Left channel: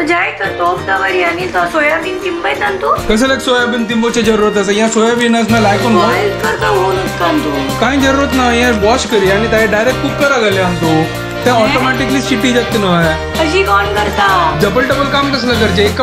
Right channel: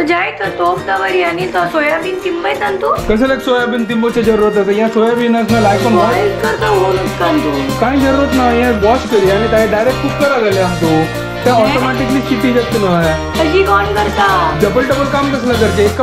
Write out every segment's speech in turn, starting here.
तो जाए तो तोप दवरी आणि तो सोयाबीन तिंबई तंतु कैसे लग सोयाबीन तिंबोची जरूरत है यहाँ सोयाबीन में लाइक बॉईल करता हो तंतु काही जरूरत ना यहाँ वॉश करी आणि डायरेक्ट कुकर आगले हम तो त्या ऑटोमॅटिकली शिट्टी जगते ना अशी कोण करता डबल काम कसलं करजे एक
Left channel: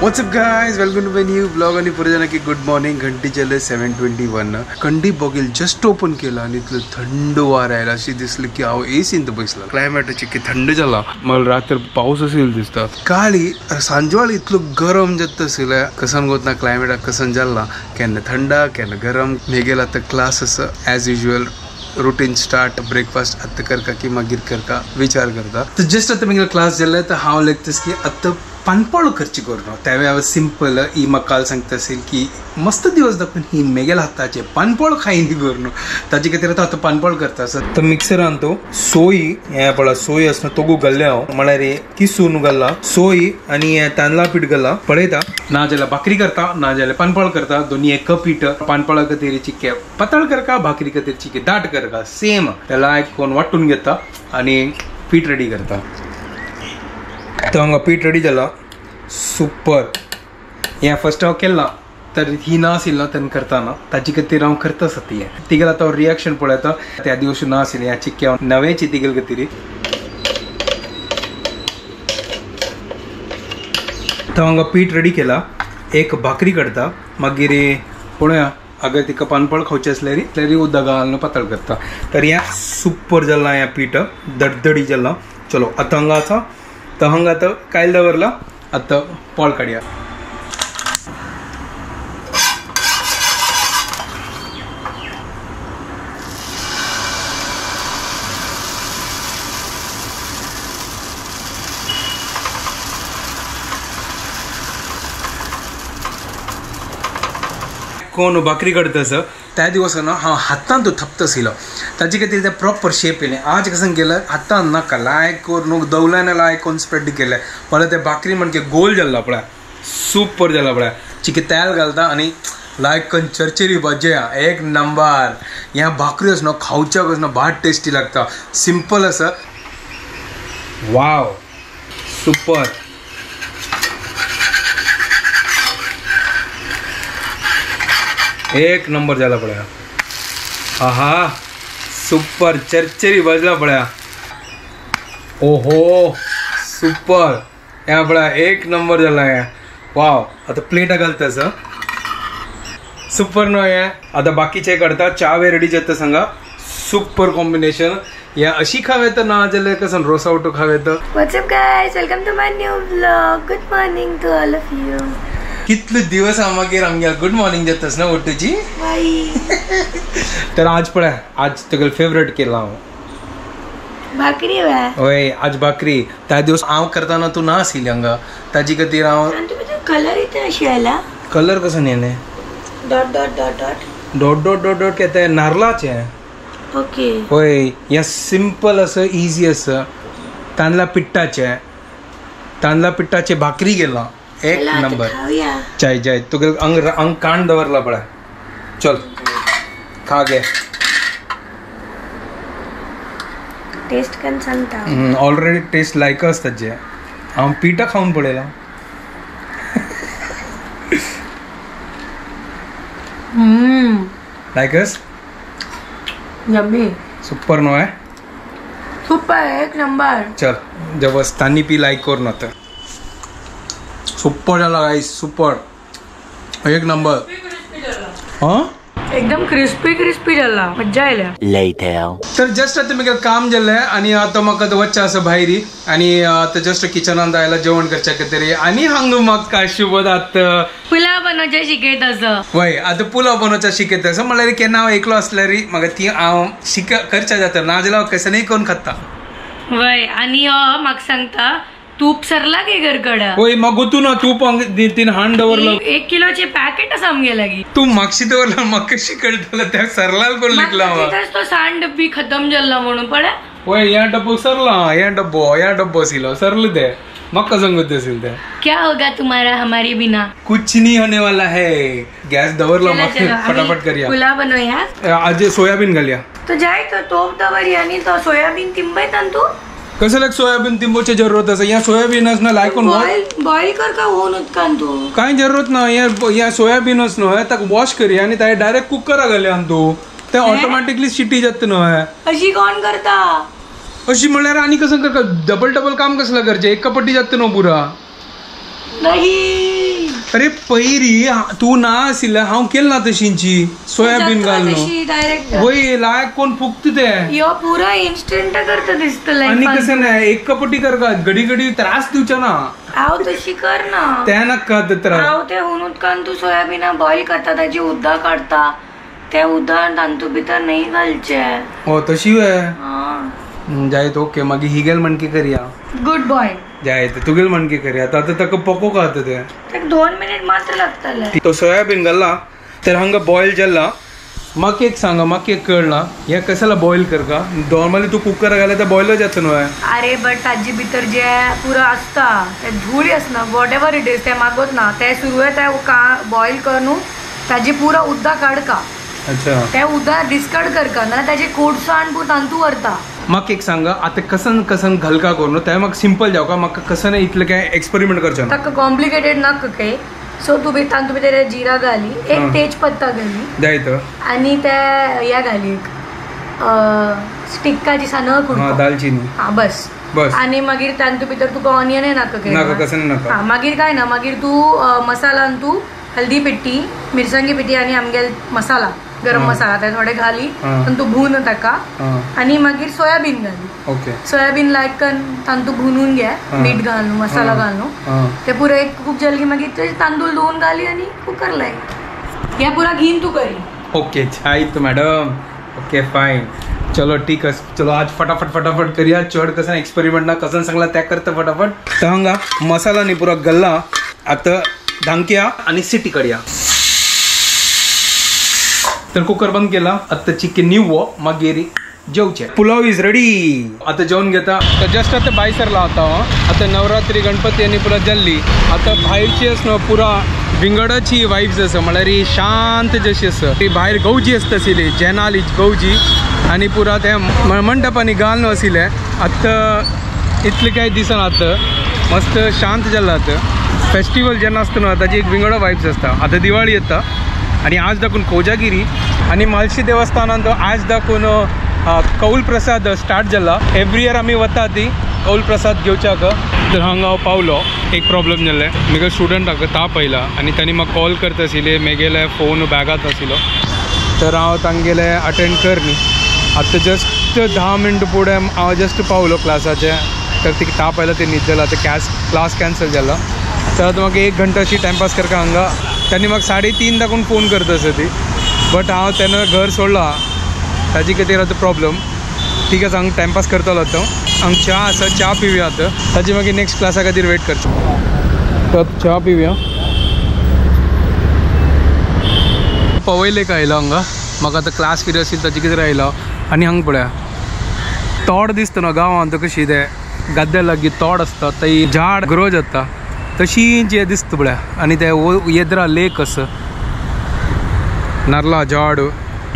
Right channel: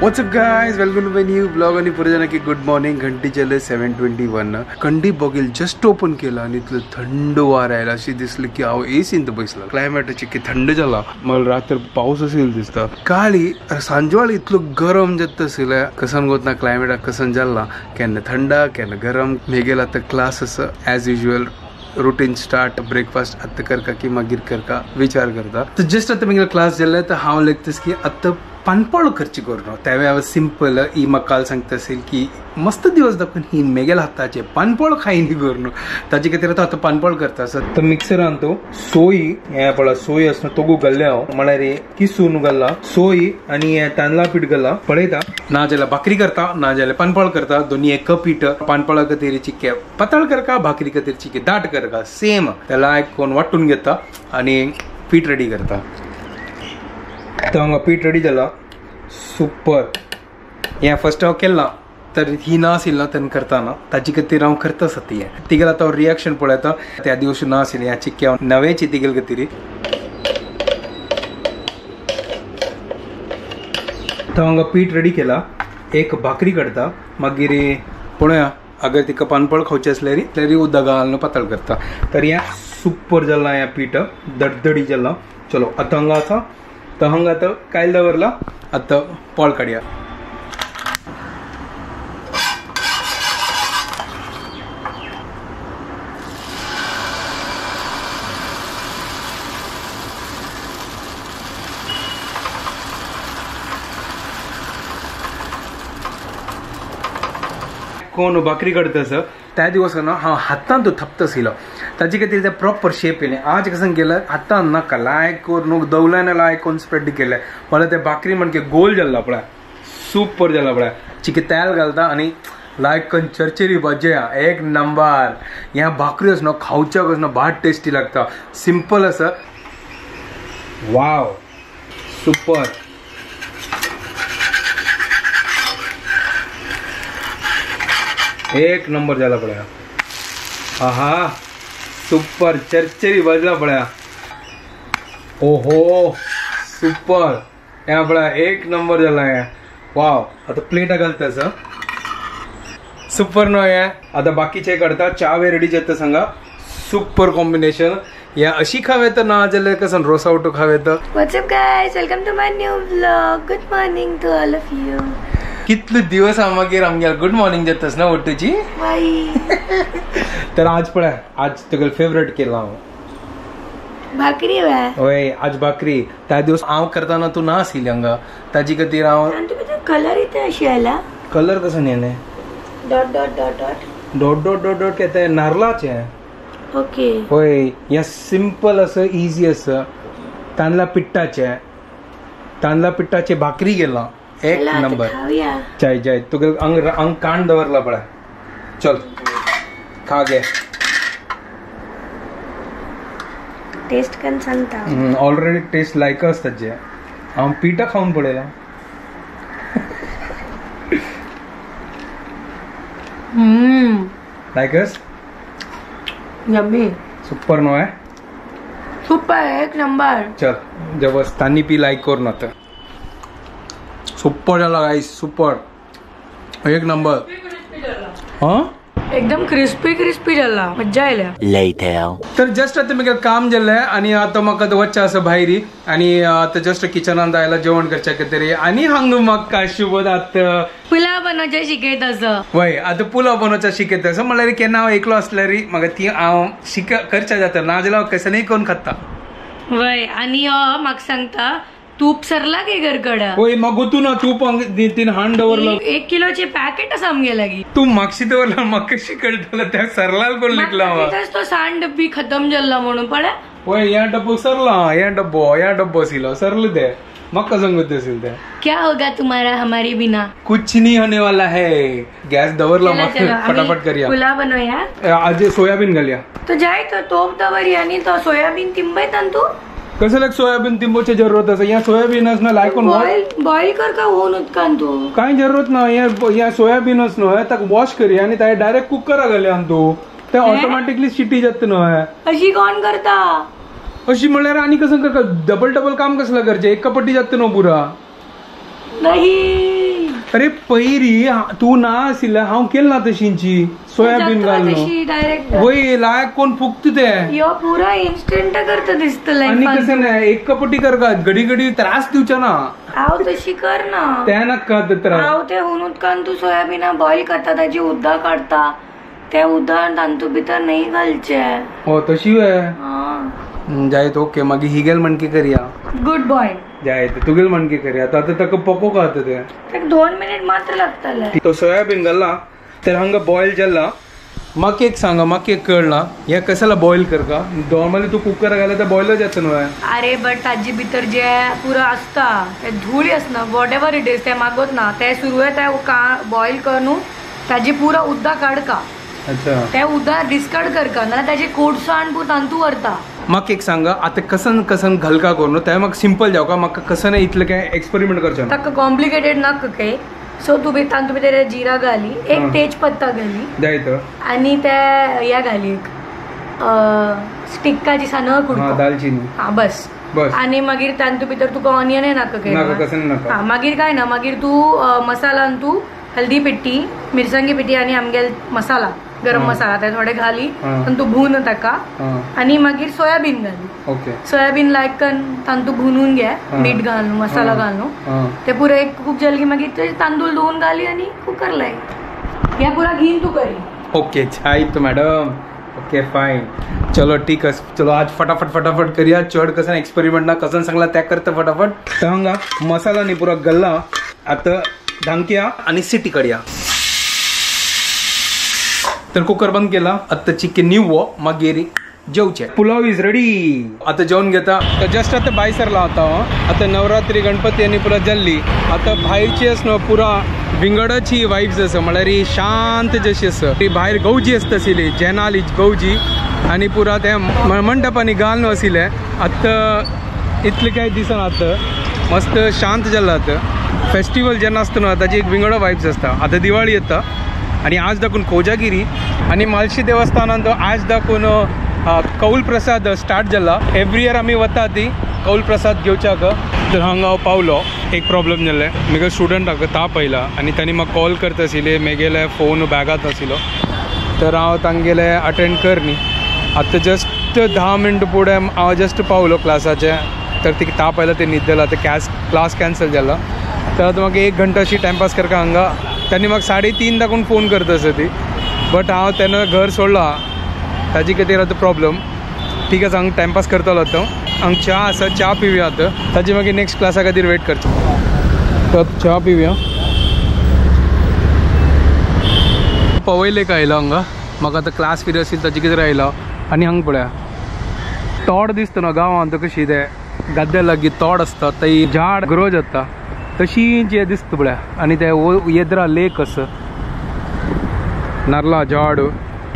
What's up guys, welcome to my new vlog आणि पुढे जाना की गुड मॉर्निंग. घंटी चले 7:21 कंडी बघेल जस्ट ओपन केला आणि इथलं थंड वार यायला अशी दिसलं की अहो एसी इंत बसला क्लायमेटची की थंड झाला मला रात्र पाऊस असेल दिसता काळी सांजवाळ इतलं गरम जत असेल कसन गोत ना क्लायमेट कसन झाला केन्ना थंड केन्ना गरम मेगेला तर क्लास असं as usual routine start breakfast आत्ता करका की मागीर करका विचार करता तर जस्ट आता मेगेला क्लास जाल्ले तर हांव लेगतस की आत्ता पानपळ करची करून त्यावेळी हांव सिंपल ही म्हाका काल सांगता असेल की मस्त दिवस दाखवून ही मेगेल हाताचे पानपळ खाईनी करून ताजे खातीर आतां पानपळ करता तर मिक्सरान तो सोयी हे पळा सोयी असना तो घाल्ले हांव म्हळ्यार किसून घाल्ला सोयी आणि तांदळा पीठ घाल्ला पळयता ना जाल्यार भाकरी करता ना जाल्यार पानपळ करता दोन्ही एक पीठ पानपळा खातीर चिके पातळ करका भाकरी खातीर चिके दाट करका सेम त्याला एक कोण वाटून घेता आणि पीठ रेडी करता तो हांगा पीठ रेडी जाला सुपर हे फर्स्ट हांव केला तर ही ना आशिल्ली ना तेन्ना करताना ताची खातीर हांव करता सती तिगेल आतां रिएक्शन पळयता त्या दिवशी ना आशिल्लें ह्या चिक्के हांव नवेची तिगेल खातीर तो हांगा पीठ रेडी केला एक भाकरी करता मागीर पळोवया अगर तिका पानपळ खावचें असल्यार तरी उदक घालून पातळ करता तर हें सुपर जालां हें पीठ दडदडी जालां चलो आतां हांगा आसा तर हांगा आतां कायल दवरला आतां पळ काडया कोण भाकरी करता असं त्या दिवस ना हांव हातान तो थपत आशिल्लो ताजे खातीर ते प्रॉपर शेप येयलें आज कसं केलं हातान नाका लायक करून दवल्यान लायक करून स्प्रेड केलें पण ते भाकरी म्हणजे गोल जाल्ला पळय सुपर जाला पळय चिके तेल घालता आनी लायक करून चरचरी भज्या एक नंबर ह्या भाकरी असं खावच्या कसं भाट टेस्टी लागता सिंपल असं वाव सुपर एक नंबर झाला पळया आहा सुपर चरचरी बजला पळया ओहो सुपर या पळया एक नंबर झाला या वाव आता प्लेटा घालता सर सुपर नो या आता बाकीचे करता चावे रेडी जाता सांगा सुपर कॉम्बिनेशन या अशी खावे तर ना जाल्यार कसं रोसावटो खावे तर what's up guys welcome to my new vlog good morning to all of you कितले दिवस मागीर आमगे गुड मॉर्निंग जातास ना ओटूची तर आज पळय आज तुगेल फेवरेट केला हांव भाकरी होय आज भाकरी त्या दिवस हांव करताना तू ना आशिल्ली हांगा ताजी खातीर हांव कलर इथे अशी आला कलर कसो न्हेले dot dot dot dot dot dot dot dot केते नारळाचे ओके होय या सिंपल असं इजी असं तांदळा पिठ्ठाचे भाकरी गेला एक नंबर चाय चाय तुगे अंग कांड दवरला पळय चल खा गे टेस्ट कन सांगता ऑलरेडी टेस्ट लायक असतात जे हांव पिठा खाऊन पळयला लायकस यम्मी सुपर नो है सुपर एक नंबर चल जबस तानी पी लाइक कर ना तर सुपर झाला गाइस सुपर एक नंबर हां एकदम क्रिस्पी झाला मज्जा आयल्या लेटर तर जस्ट आता मी काम जाल्लें आणि आता म्हाका वच्चा असं भायरी आणि आता जस्ट किचनात आयला जेवण करच्या खातीर आणि हांग म्हाका शुभदात पुलाव बनवचे शिकयत असं वय आता पुलाव बनवचा शिकयत असं म्हळ्यार केन्ना हांव एकलो असल्यार म्हाका ती हांव करच्या जाता ना जाल्यार कसनय करून खाता वय आणि म्हाका सांगता तूप सरला की घरकडे होय मग तू ना तूप तीन हांड दवरलं 1 किलोचे पॅकेट आमगे लागी तू मागशी दवरला म्हाका कशी कळटलं त्या सरलाल कोण लिखला तो सांड बी खतम झाला म्हणून पडे होय या डब्बो सरला या डब्बो आसिलो सरले ते मक्का संगत असेल ते क्या होगा तुम्हारा हमारी बिना? कुछ नहीं होने वाला है. गॅस दवरला चला, मग चलो, फटाफट आम्ही करूया. पुलाव बनवूया. आज सोयाबीन घालूया. तो जाय तो तोप दवरी आणि तो सोयाबीन तिंबय तू कसं लाग सोयाबीन तिंबोची जरूरत असे या सोयाबीनच ना लायकोन बॉईल कर का होऊन उदकान तू काय जरूरत ना या सोयाबीनच न्हय ताका वॉश करी आणि त्या डायरेक्ट कुकरा घाले आम तू ते ऑटोमॅटिकली शिटी जात न्हय. अशी कोण करता? अशी म्हणल्यार आणि कसं करता डबल काम कसला करचे एक कपटी जात न्हय पुरा. नाही अरे पयरी तू ना आशिल्ला हांव केल ना तशींची सोयाबीन घालून डायरेक्ट वय लायक कोण फुकत ते यो पुरा इन्स्टंट करता दिसतलंय. आणि कसं नाही एक कपटी कर का घडी त्रास दिवच्या ना. हाव तशी कर ना. त्या नका त्रास. हाव ते होऊन उदकान तू सोयाबीन बॉईल करता त्याची उद्दा काढता त्या उद्दा तांतू भितर नाही घालचे. हो तशी जायत ओके मागीर ही गेल म्हणकी करूया. गुड बॉय जायत तुगेल म्हणकी करूया. आता ताका पको का ते 2 मिनिट मात्र लागतले. तो सोयाबीन घालला तर हांगा बॉईल जाल्ला. म्हाका एक सांगा म्हाका एक कळना ह्या कशाला बॉईल कर का नॉर्मली तू कुकर घाला तर बॉईलच जाता न्हय. अरे बट ताजी भितर जे पुरा असता ते धूळ असना वॉट एवर इट इज ते मागोत ना ते सुरू आहे ते का बॉईल कर न्हू ताजी पुरा उद्दा काढ का. अच्छा ते उद्दा डिस्कार्ड कर का ना त्याचे कोडसो आण पू तांतू व्हरता. म्हाका एक सांगा आता कसन घालका करून ते म्हाका सिंपल जाव का म्हाका कसं नाही इतलं काय एक्सपेरिमेंट करचें ताका कॉम्प्लिकेटेड नाका काय. सो तू तांतू भितर जिरा घाली एक तेजपत्ता घाली जायत आणि त्या या घाली एक स्टिक्काची सानं कुडको दालचिनी हा बस आणि मागीर तांतू भितर तुका ऑनियन नाका काय कसं नका. हा मागीर काय ना मागीर तू मसाला तू हल्दी पिट्टी मिरसांगी पिट्टी आणि आमगेल मसाला गरम मसाला ते थोडे घाली पण तू भून ताका आणि मागीर सोयाबीन घाली. ओके सोयाबीन लायक तांतू भुनून घे मीठ घालून मसाला घालून ते पुरे एक खूप जल्दी मागीर ते तांदूळ धुवून घाली आणि कुकर लाय हे पुरा घेऊन तू करी. ओके छाईत मॅडम. ओके फाईन चलो ठीक आहे. चलो आज फटाफट करूया. चढ कसं एक्सपेरिमेंट ना कसं सांगला त्या करता फटाफट. तर हांगा मसाला न्ही पुरा गल्ला आता धांकया आणि सिटी काडया. तर कुकर बंद केला आता चिकन निवो मागीर जेवचे. Pulao is ready. आता जेवण घेता तर जस्ट आता भाई सरला आता नवरात्री गणपती आणि पुरा जल्ली आता भाईची न्हू पुरा विंगडाची वाईब्स आसा म्हळ्यार शांत जशी आसा ती भायर गवजी आसता आशिल्ली जेनाली गवजी आणि पुरा ते मंडपांनी घालून आशिल्ले. आतां इतले कांय दिसना आता मस्त शांत जाल्ला. आता फेस्टिवल जेन्ना आसता न्हू ताची एक विंगडा वाईब्स आसता. आता दिवाळी येता आणि आज दाखवून कोजागिरी आणि म्हालशी देवस्थानांत आज दाखवून कौल प्रसाद स्टार्ट जाला. एवरी इयर आमी वता ती कौल प्रसाद घेवच्याक. तर हांगा हांव पावलो एक प्रॉब्लेम जाल्ले म्हाका स्टुडंटाक ताप आयला आणि तांणी म्हाका कॉल करता आशिल्ले म्हगेले फोन बॅगात आशिल्लो तर हांव तांगेले अटेंड कर न्ही. आतां जस्ट 10 मिनट फुडें हांव जस्ट पावलो क्लासाचे तर ती ताप आयला ते न्हीद जाला तर क्लास कॅन्सल जाला. तर आतां म्हाका 1 घंटा अशी टायमपास करता हांगा. त्यांनी म्हाका 3:30 दाखवून फोन करता आसा ती बट हांव तेन्ना घर सोडला ताजे खातीर आतां प्रॉब्लम. ठीक आहे हांगा टायमपास करतलो आतां. हांगा च्या आसा च्या पिवया आतां ताजी मागीर नेक्स्ट क्लासा खातीर वेट करचो. तर च्या पिवया. पवयलेक आयलो हांगा म्हाका आतां क्लास कितें आशिल्ली ताजे खातीर आयलो आनी हांगा पळया तोड दिसता न्हू गांवांत कशी ते गद्द्या लागीं तोड आसता थंय झाड ग्रो जाता तशी जे दिसता पळया आणि ते येद्रा लेक असं नारळा झाड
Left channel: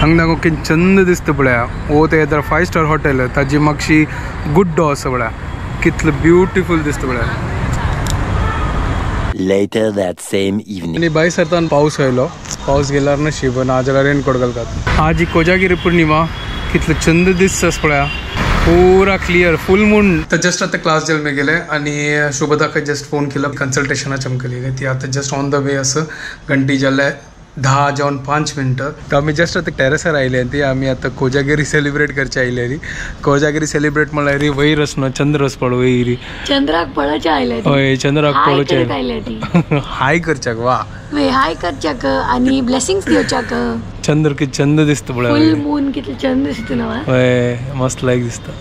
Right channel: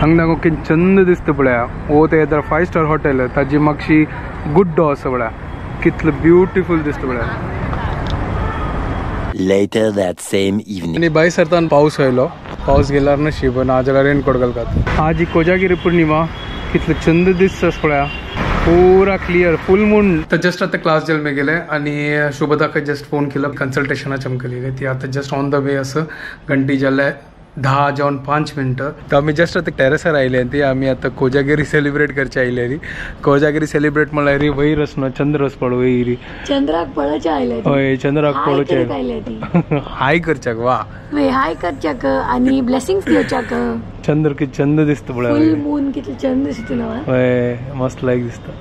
हांगा ओके चंद दिसता पळया. ओ ते येद्रा 5 स्टार हॉटेल ताजी मागशी गुड्डो असं पळया कितलं ब्युटिफूल दिसता पळया. Later that same evening. आणि बाय सरतान पावस आयलो. पावस गेल्यार नशीब नाजाल्यार रेनकोट घालतात. आज ही कोजागिरी पौर्णिमा कितलं चंद दिसता पळया पूरा क्लियर फुल मून. तर जस्ट आता क्लास जेल मी गेले आणि शुभदाका जस्ट फोन केला कन्सल्टेशनाच्या केली ती आता जस्ट ऑन द वे असं घंटी जाल्ले 10 जावन 5 मिनटं. तर आमी जस्ट आता टॅरसार आयले ती आमी आता कोजागिरी सेलिब्रेट करचे आयले री. कोजागिरी सेलिब्रेट म्हळ्यार वयर आसनो चंद्र पळ वयरी चंद्राक पळोवचे आयले. हय चंद्राक पळोवचे आयले हाय करच्याक वा हाय करच्याक आणि ब्लेसिंग्स दिवच्याक. चंद्र किती चंद दिसता पळय फुल मून कितले चंद दिसता ना. हय मस्त लायक दिसता.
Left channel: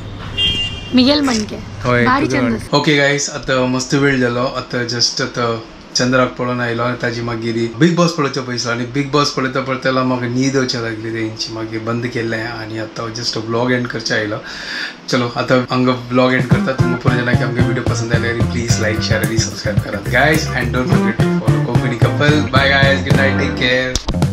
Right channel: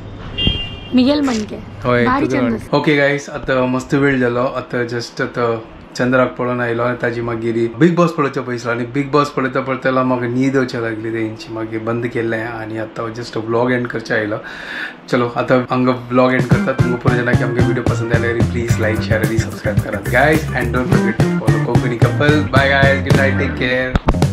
मिगेल म्हणके हय ओके गाईस आता मस्त वेळ जालो. आता जस्ट आता चंद्राक पळोवन आयलो आनी ताजी मागीर बिग बॉस पळोवचो पयसलो आनी बिग बॉस पळयता पळयता म्हाका न्हीद येवचे लागली तेंची मागीर बंद केल्लें आनी आतां जस्ट व्लॉग एंड करचे आयलो चलो आतां हांगा व्लॉग एंड करता तुमकां पुरो जाणां की आमगे व्हिडिओ पसंद आयल्यार प्लीज लायक शेअर आनी सबस्क्रायब करात guys and don't forget to follow Konkani couple bye guys good night take care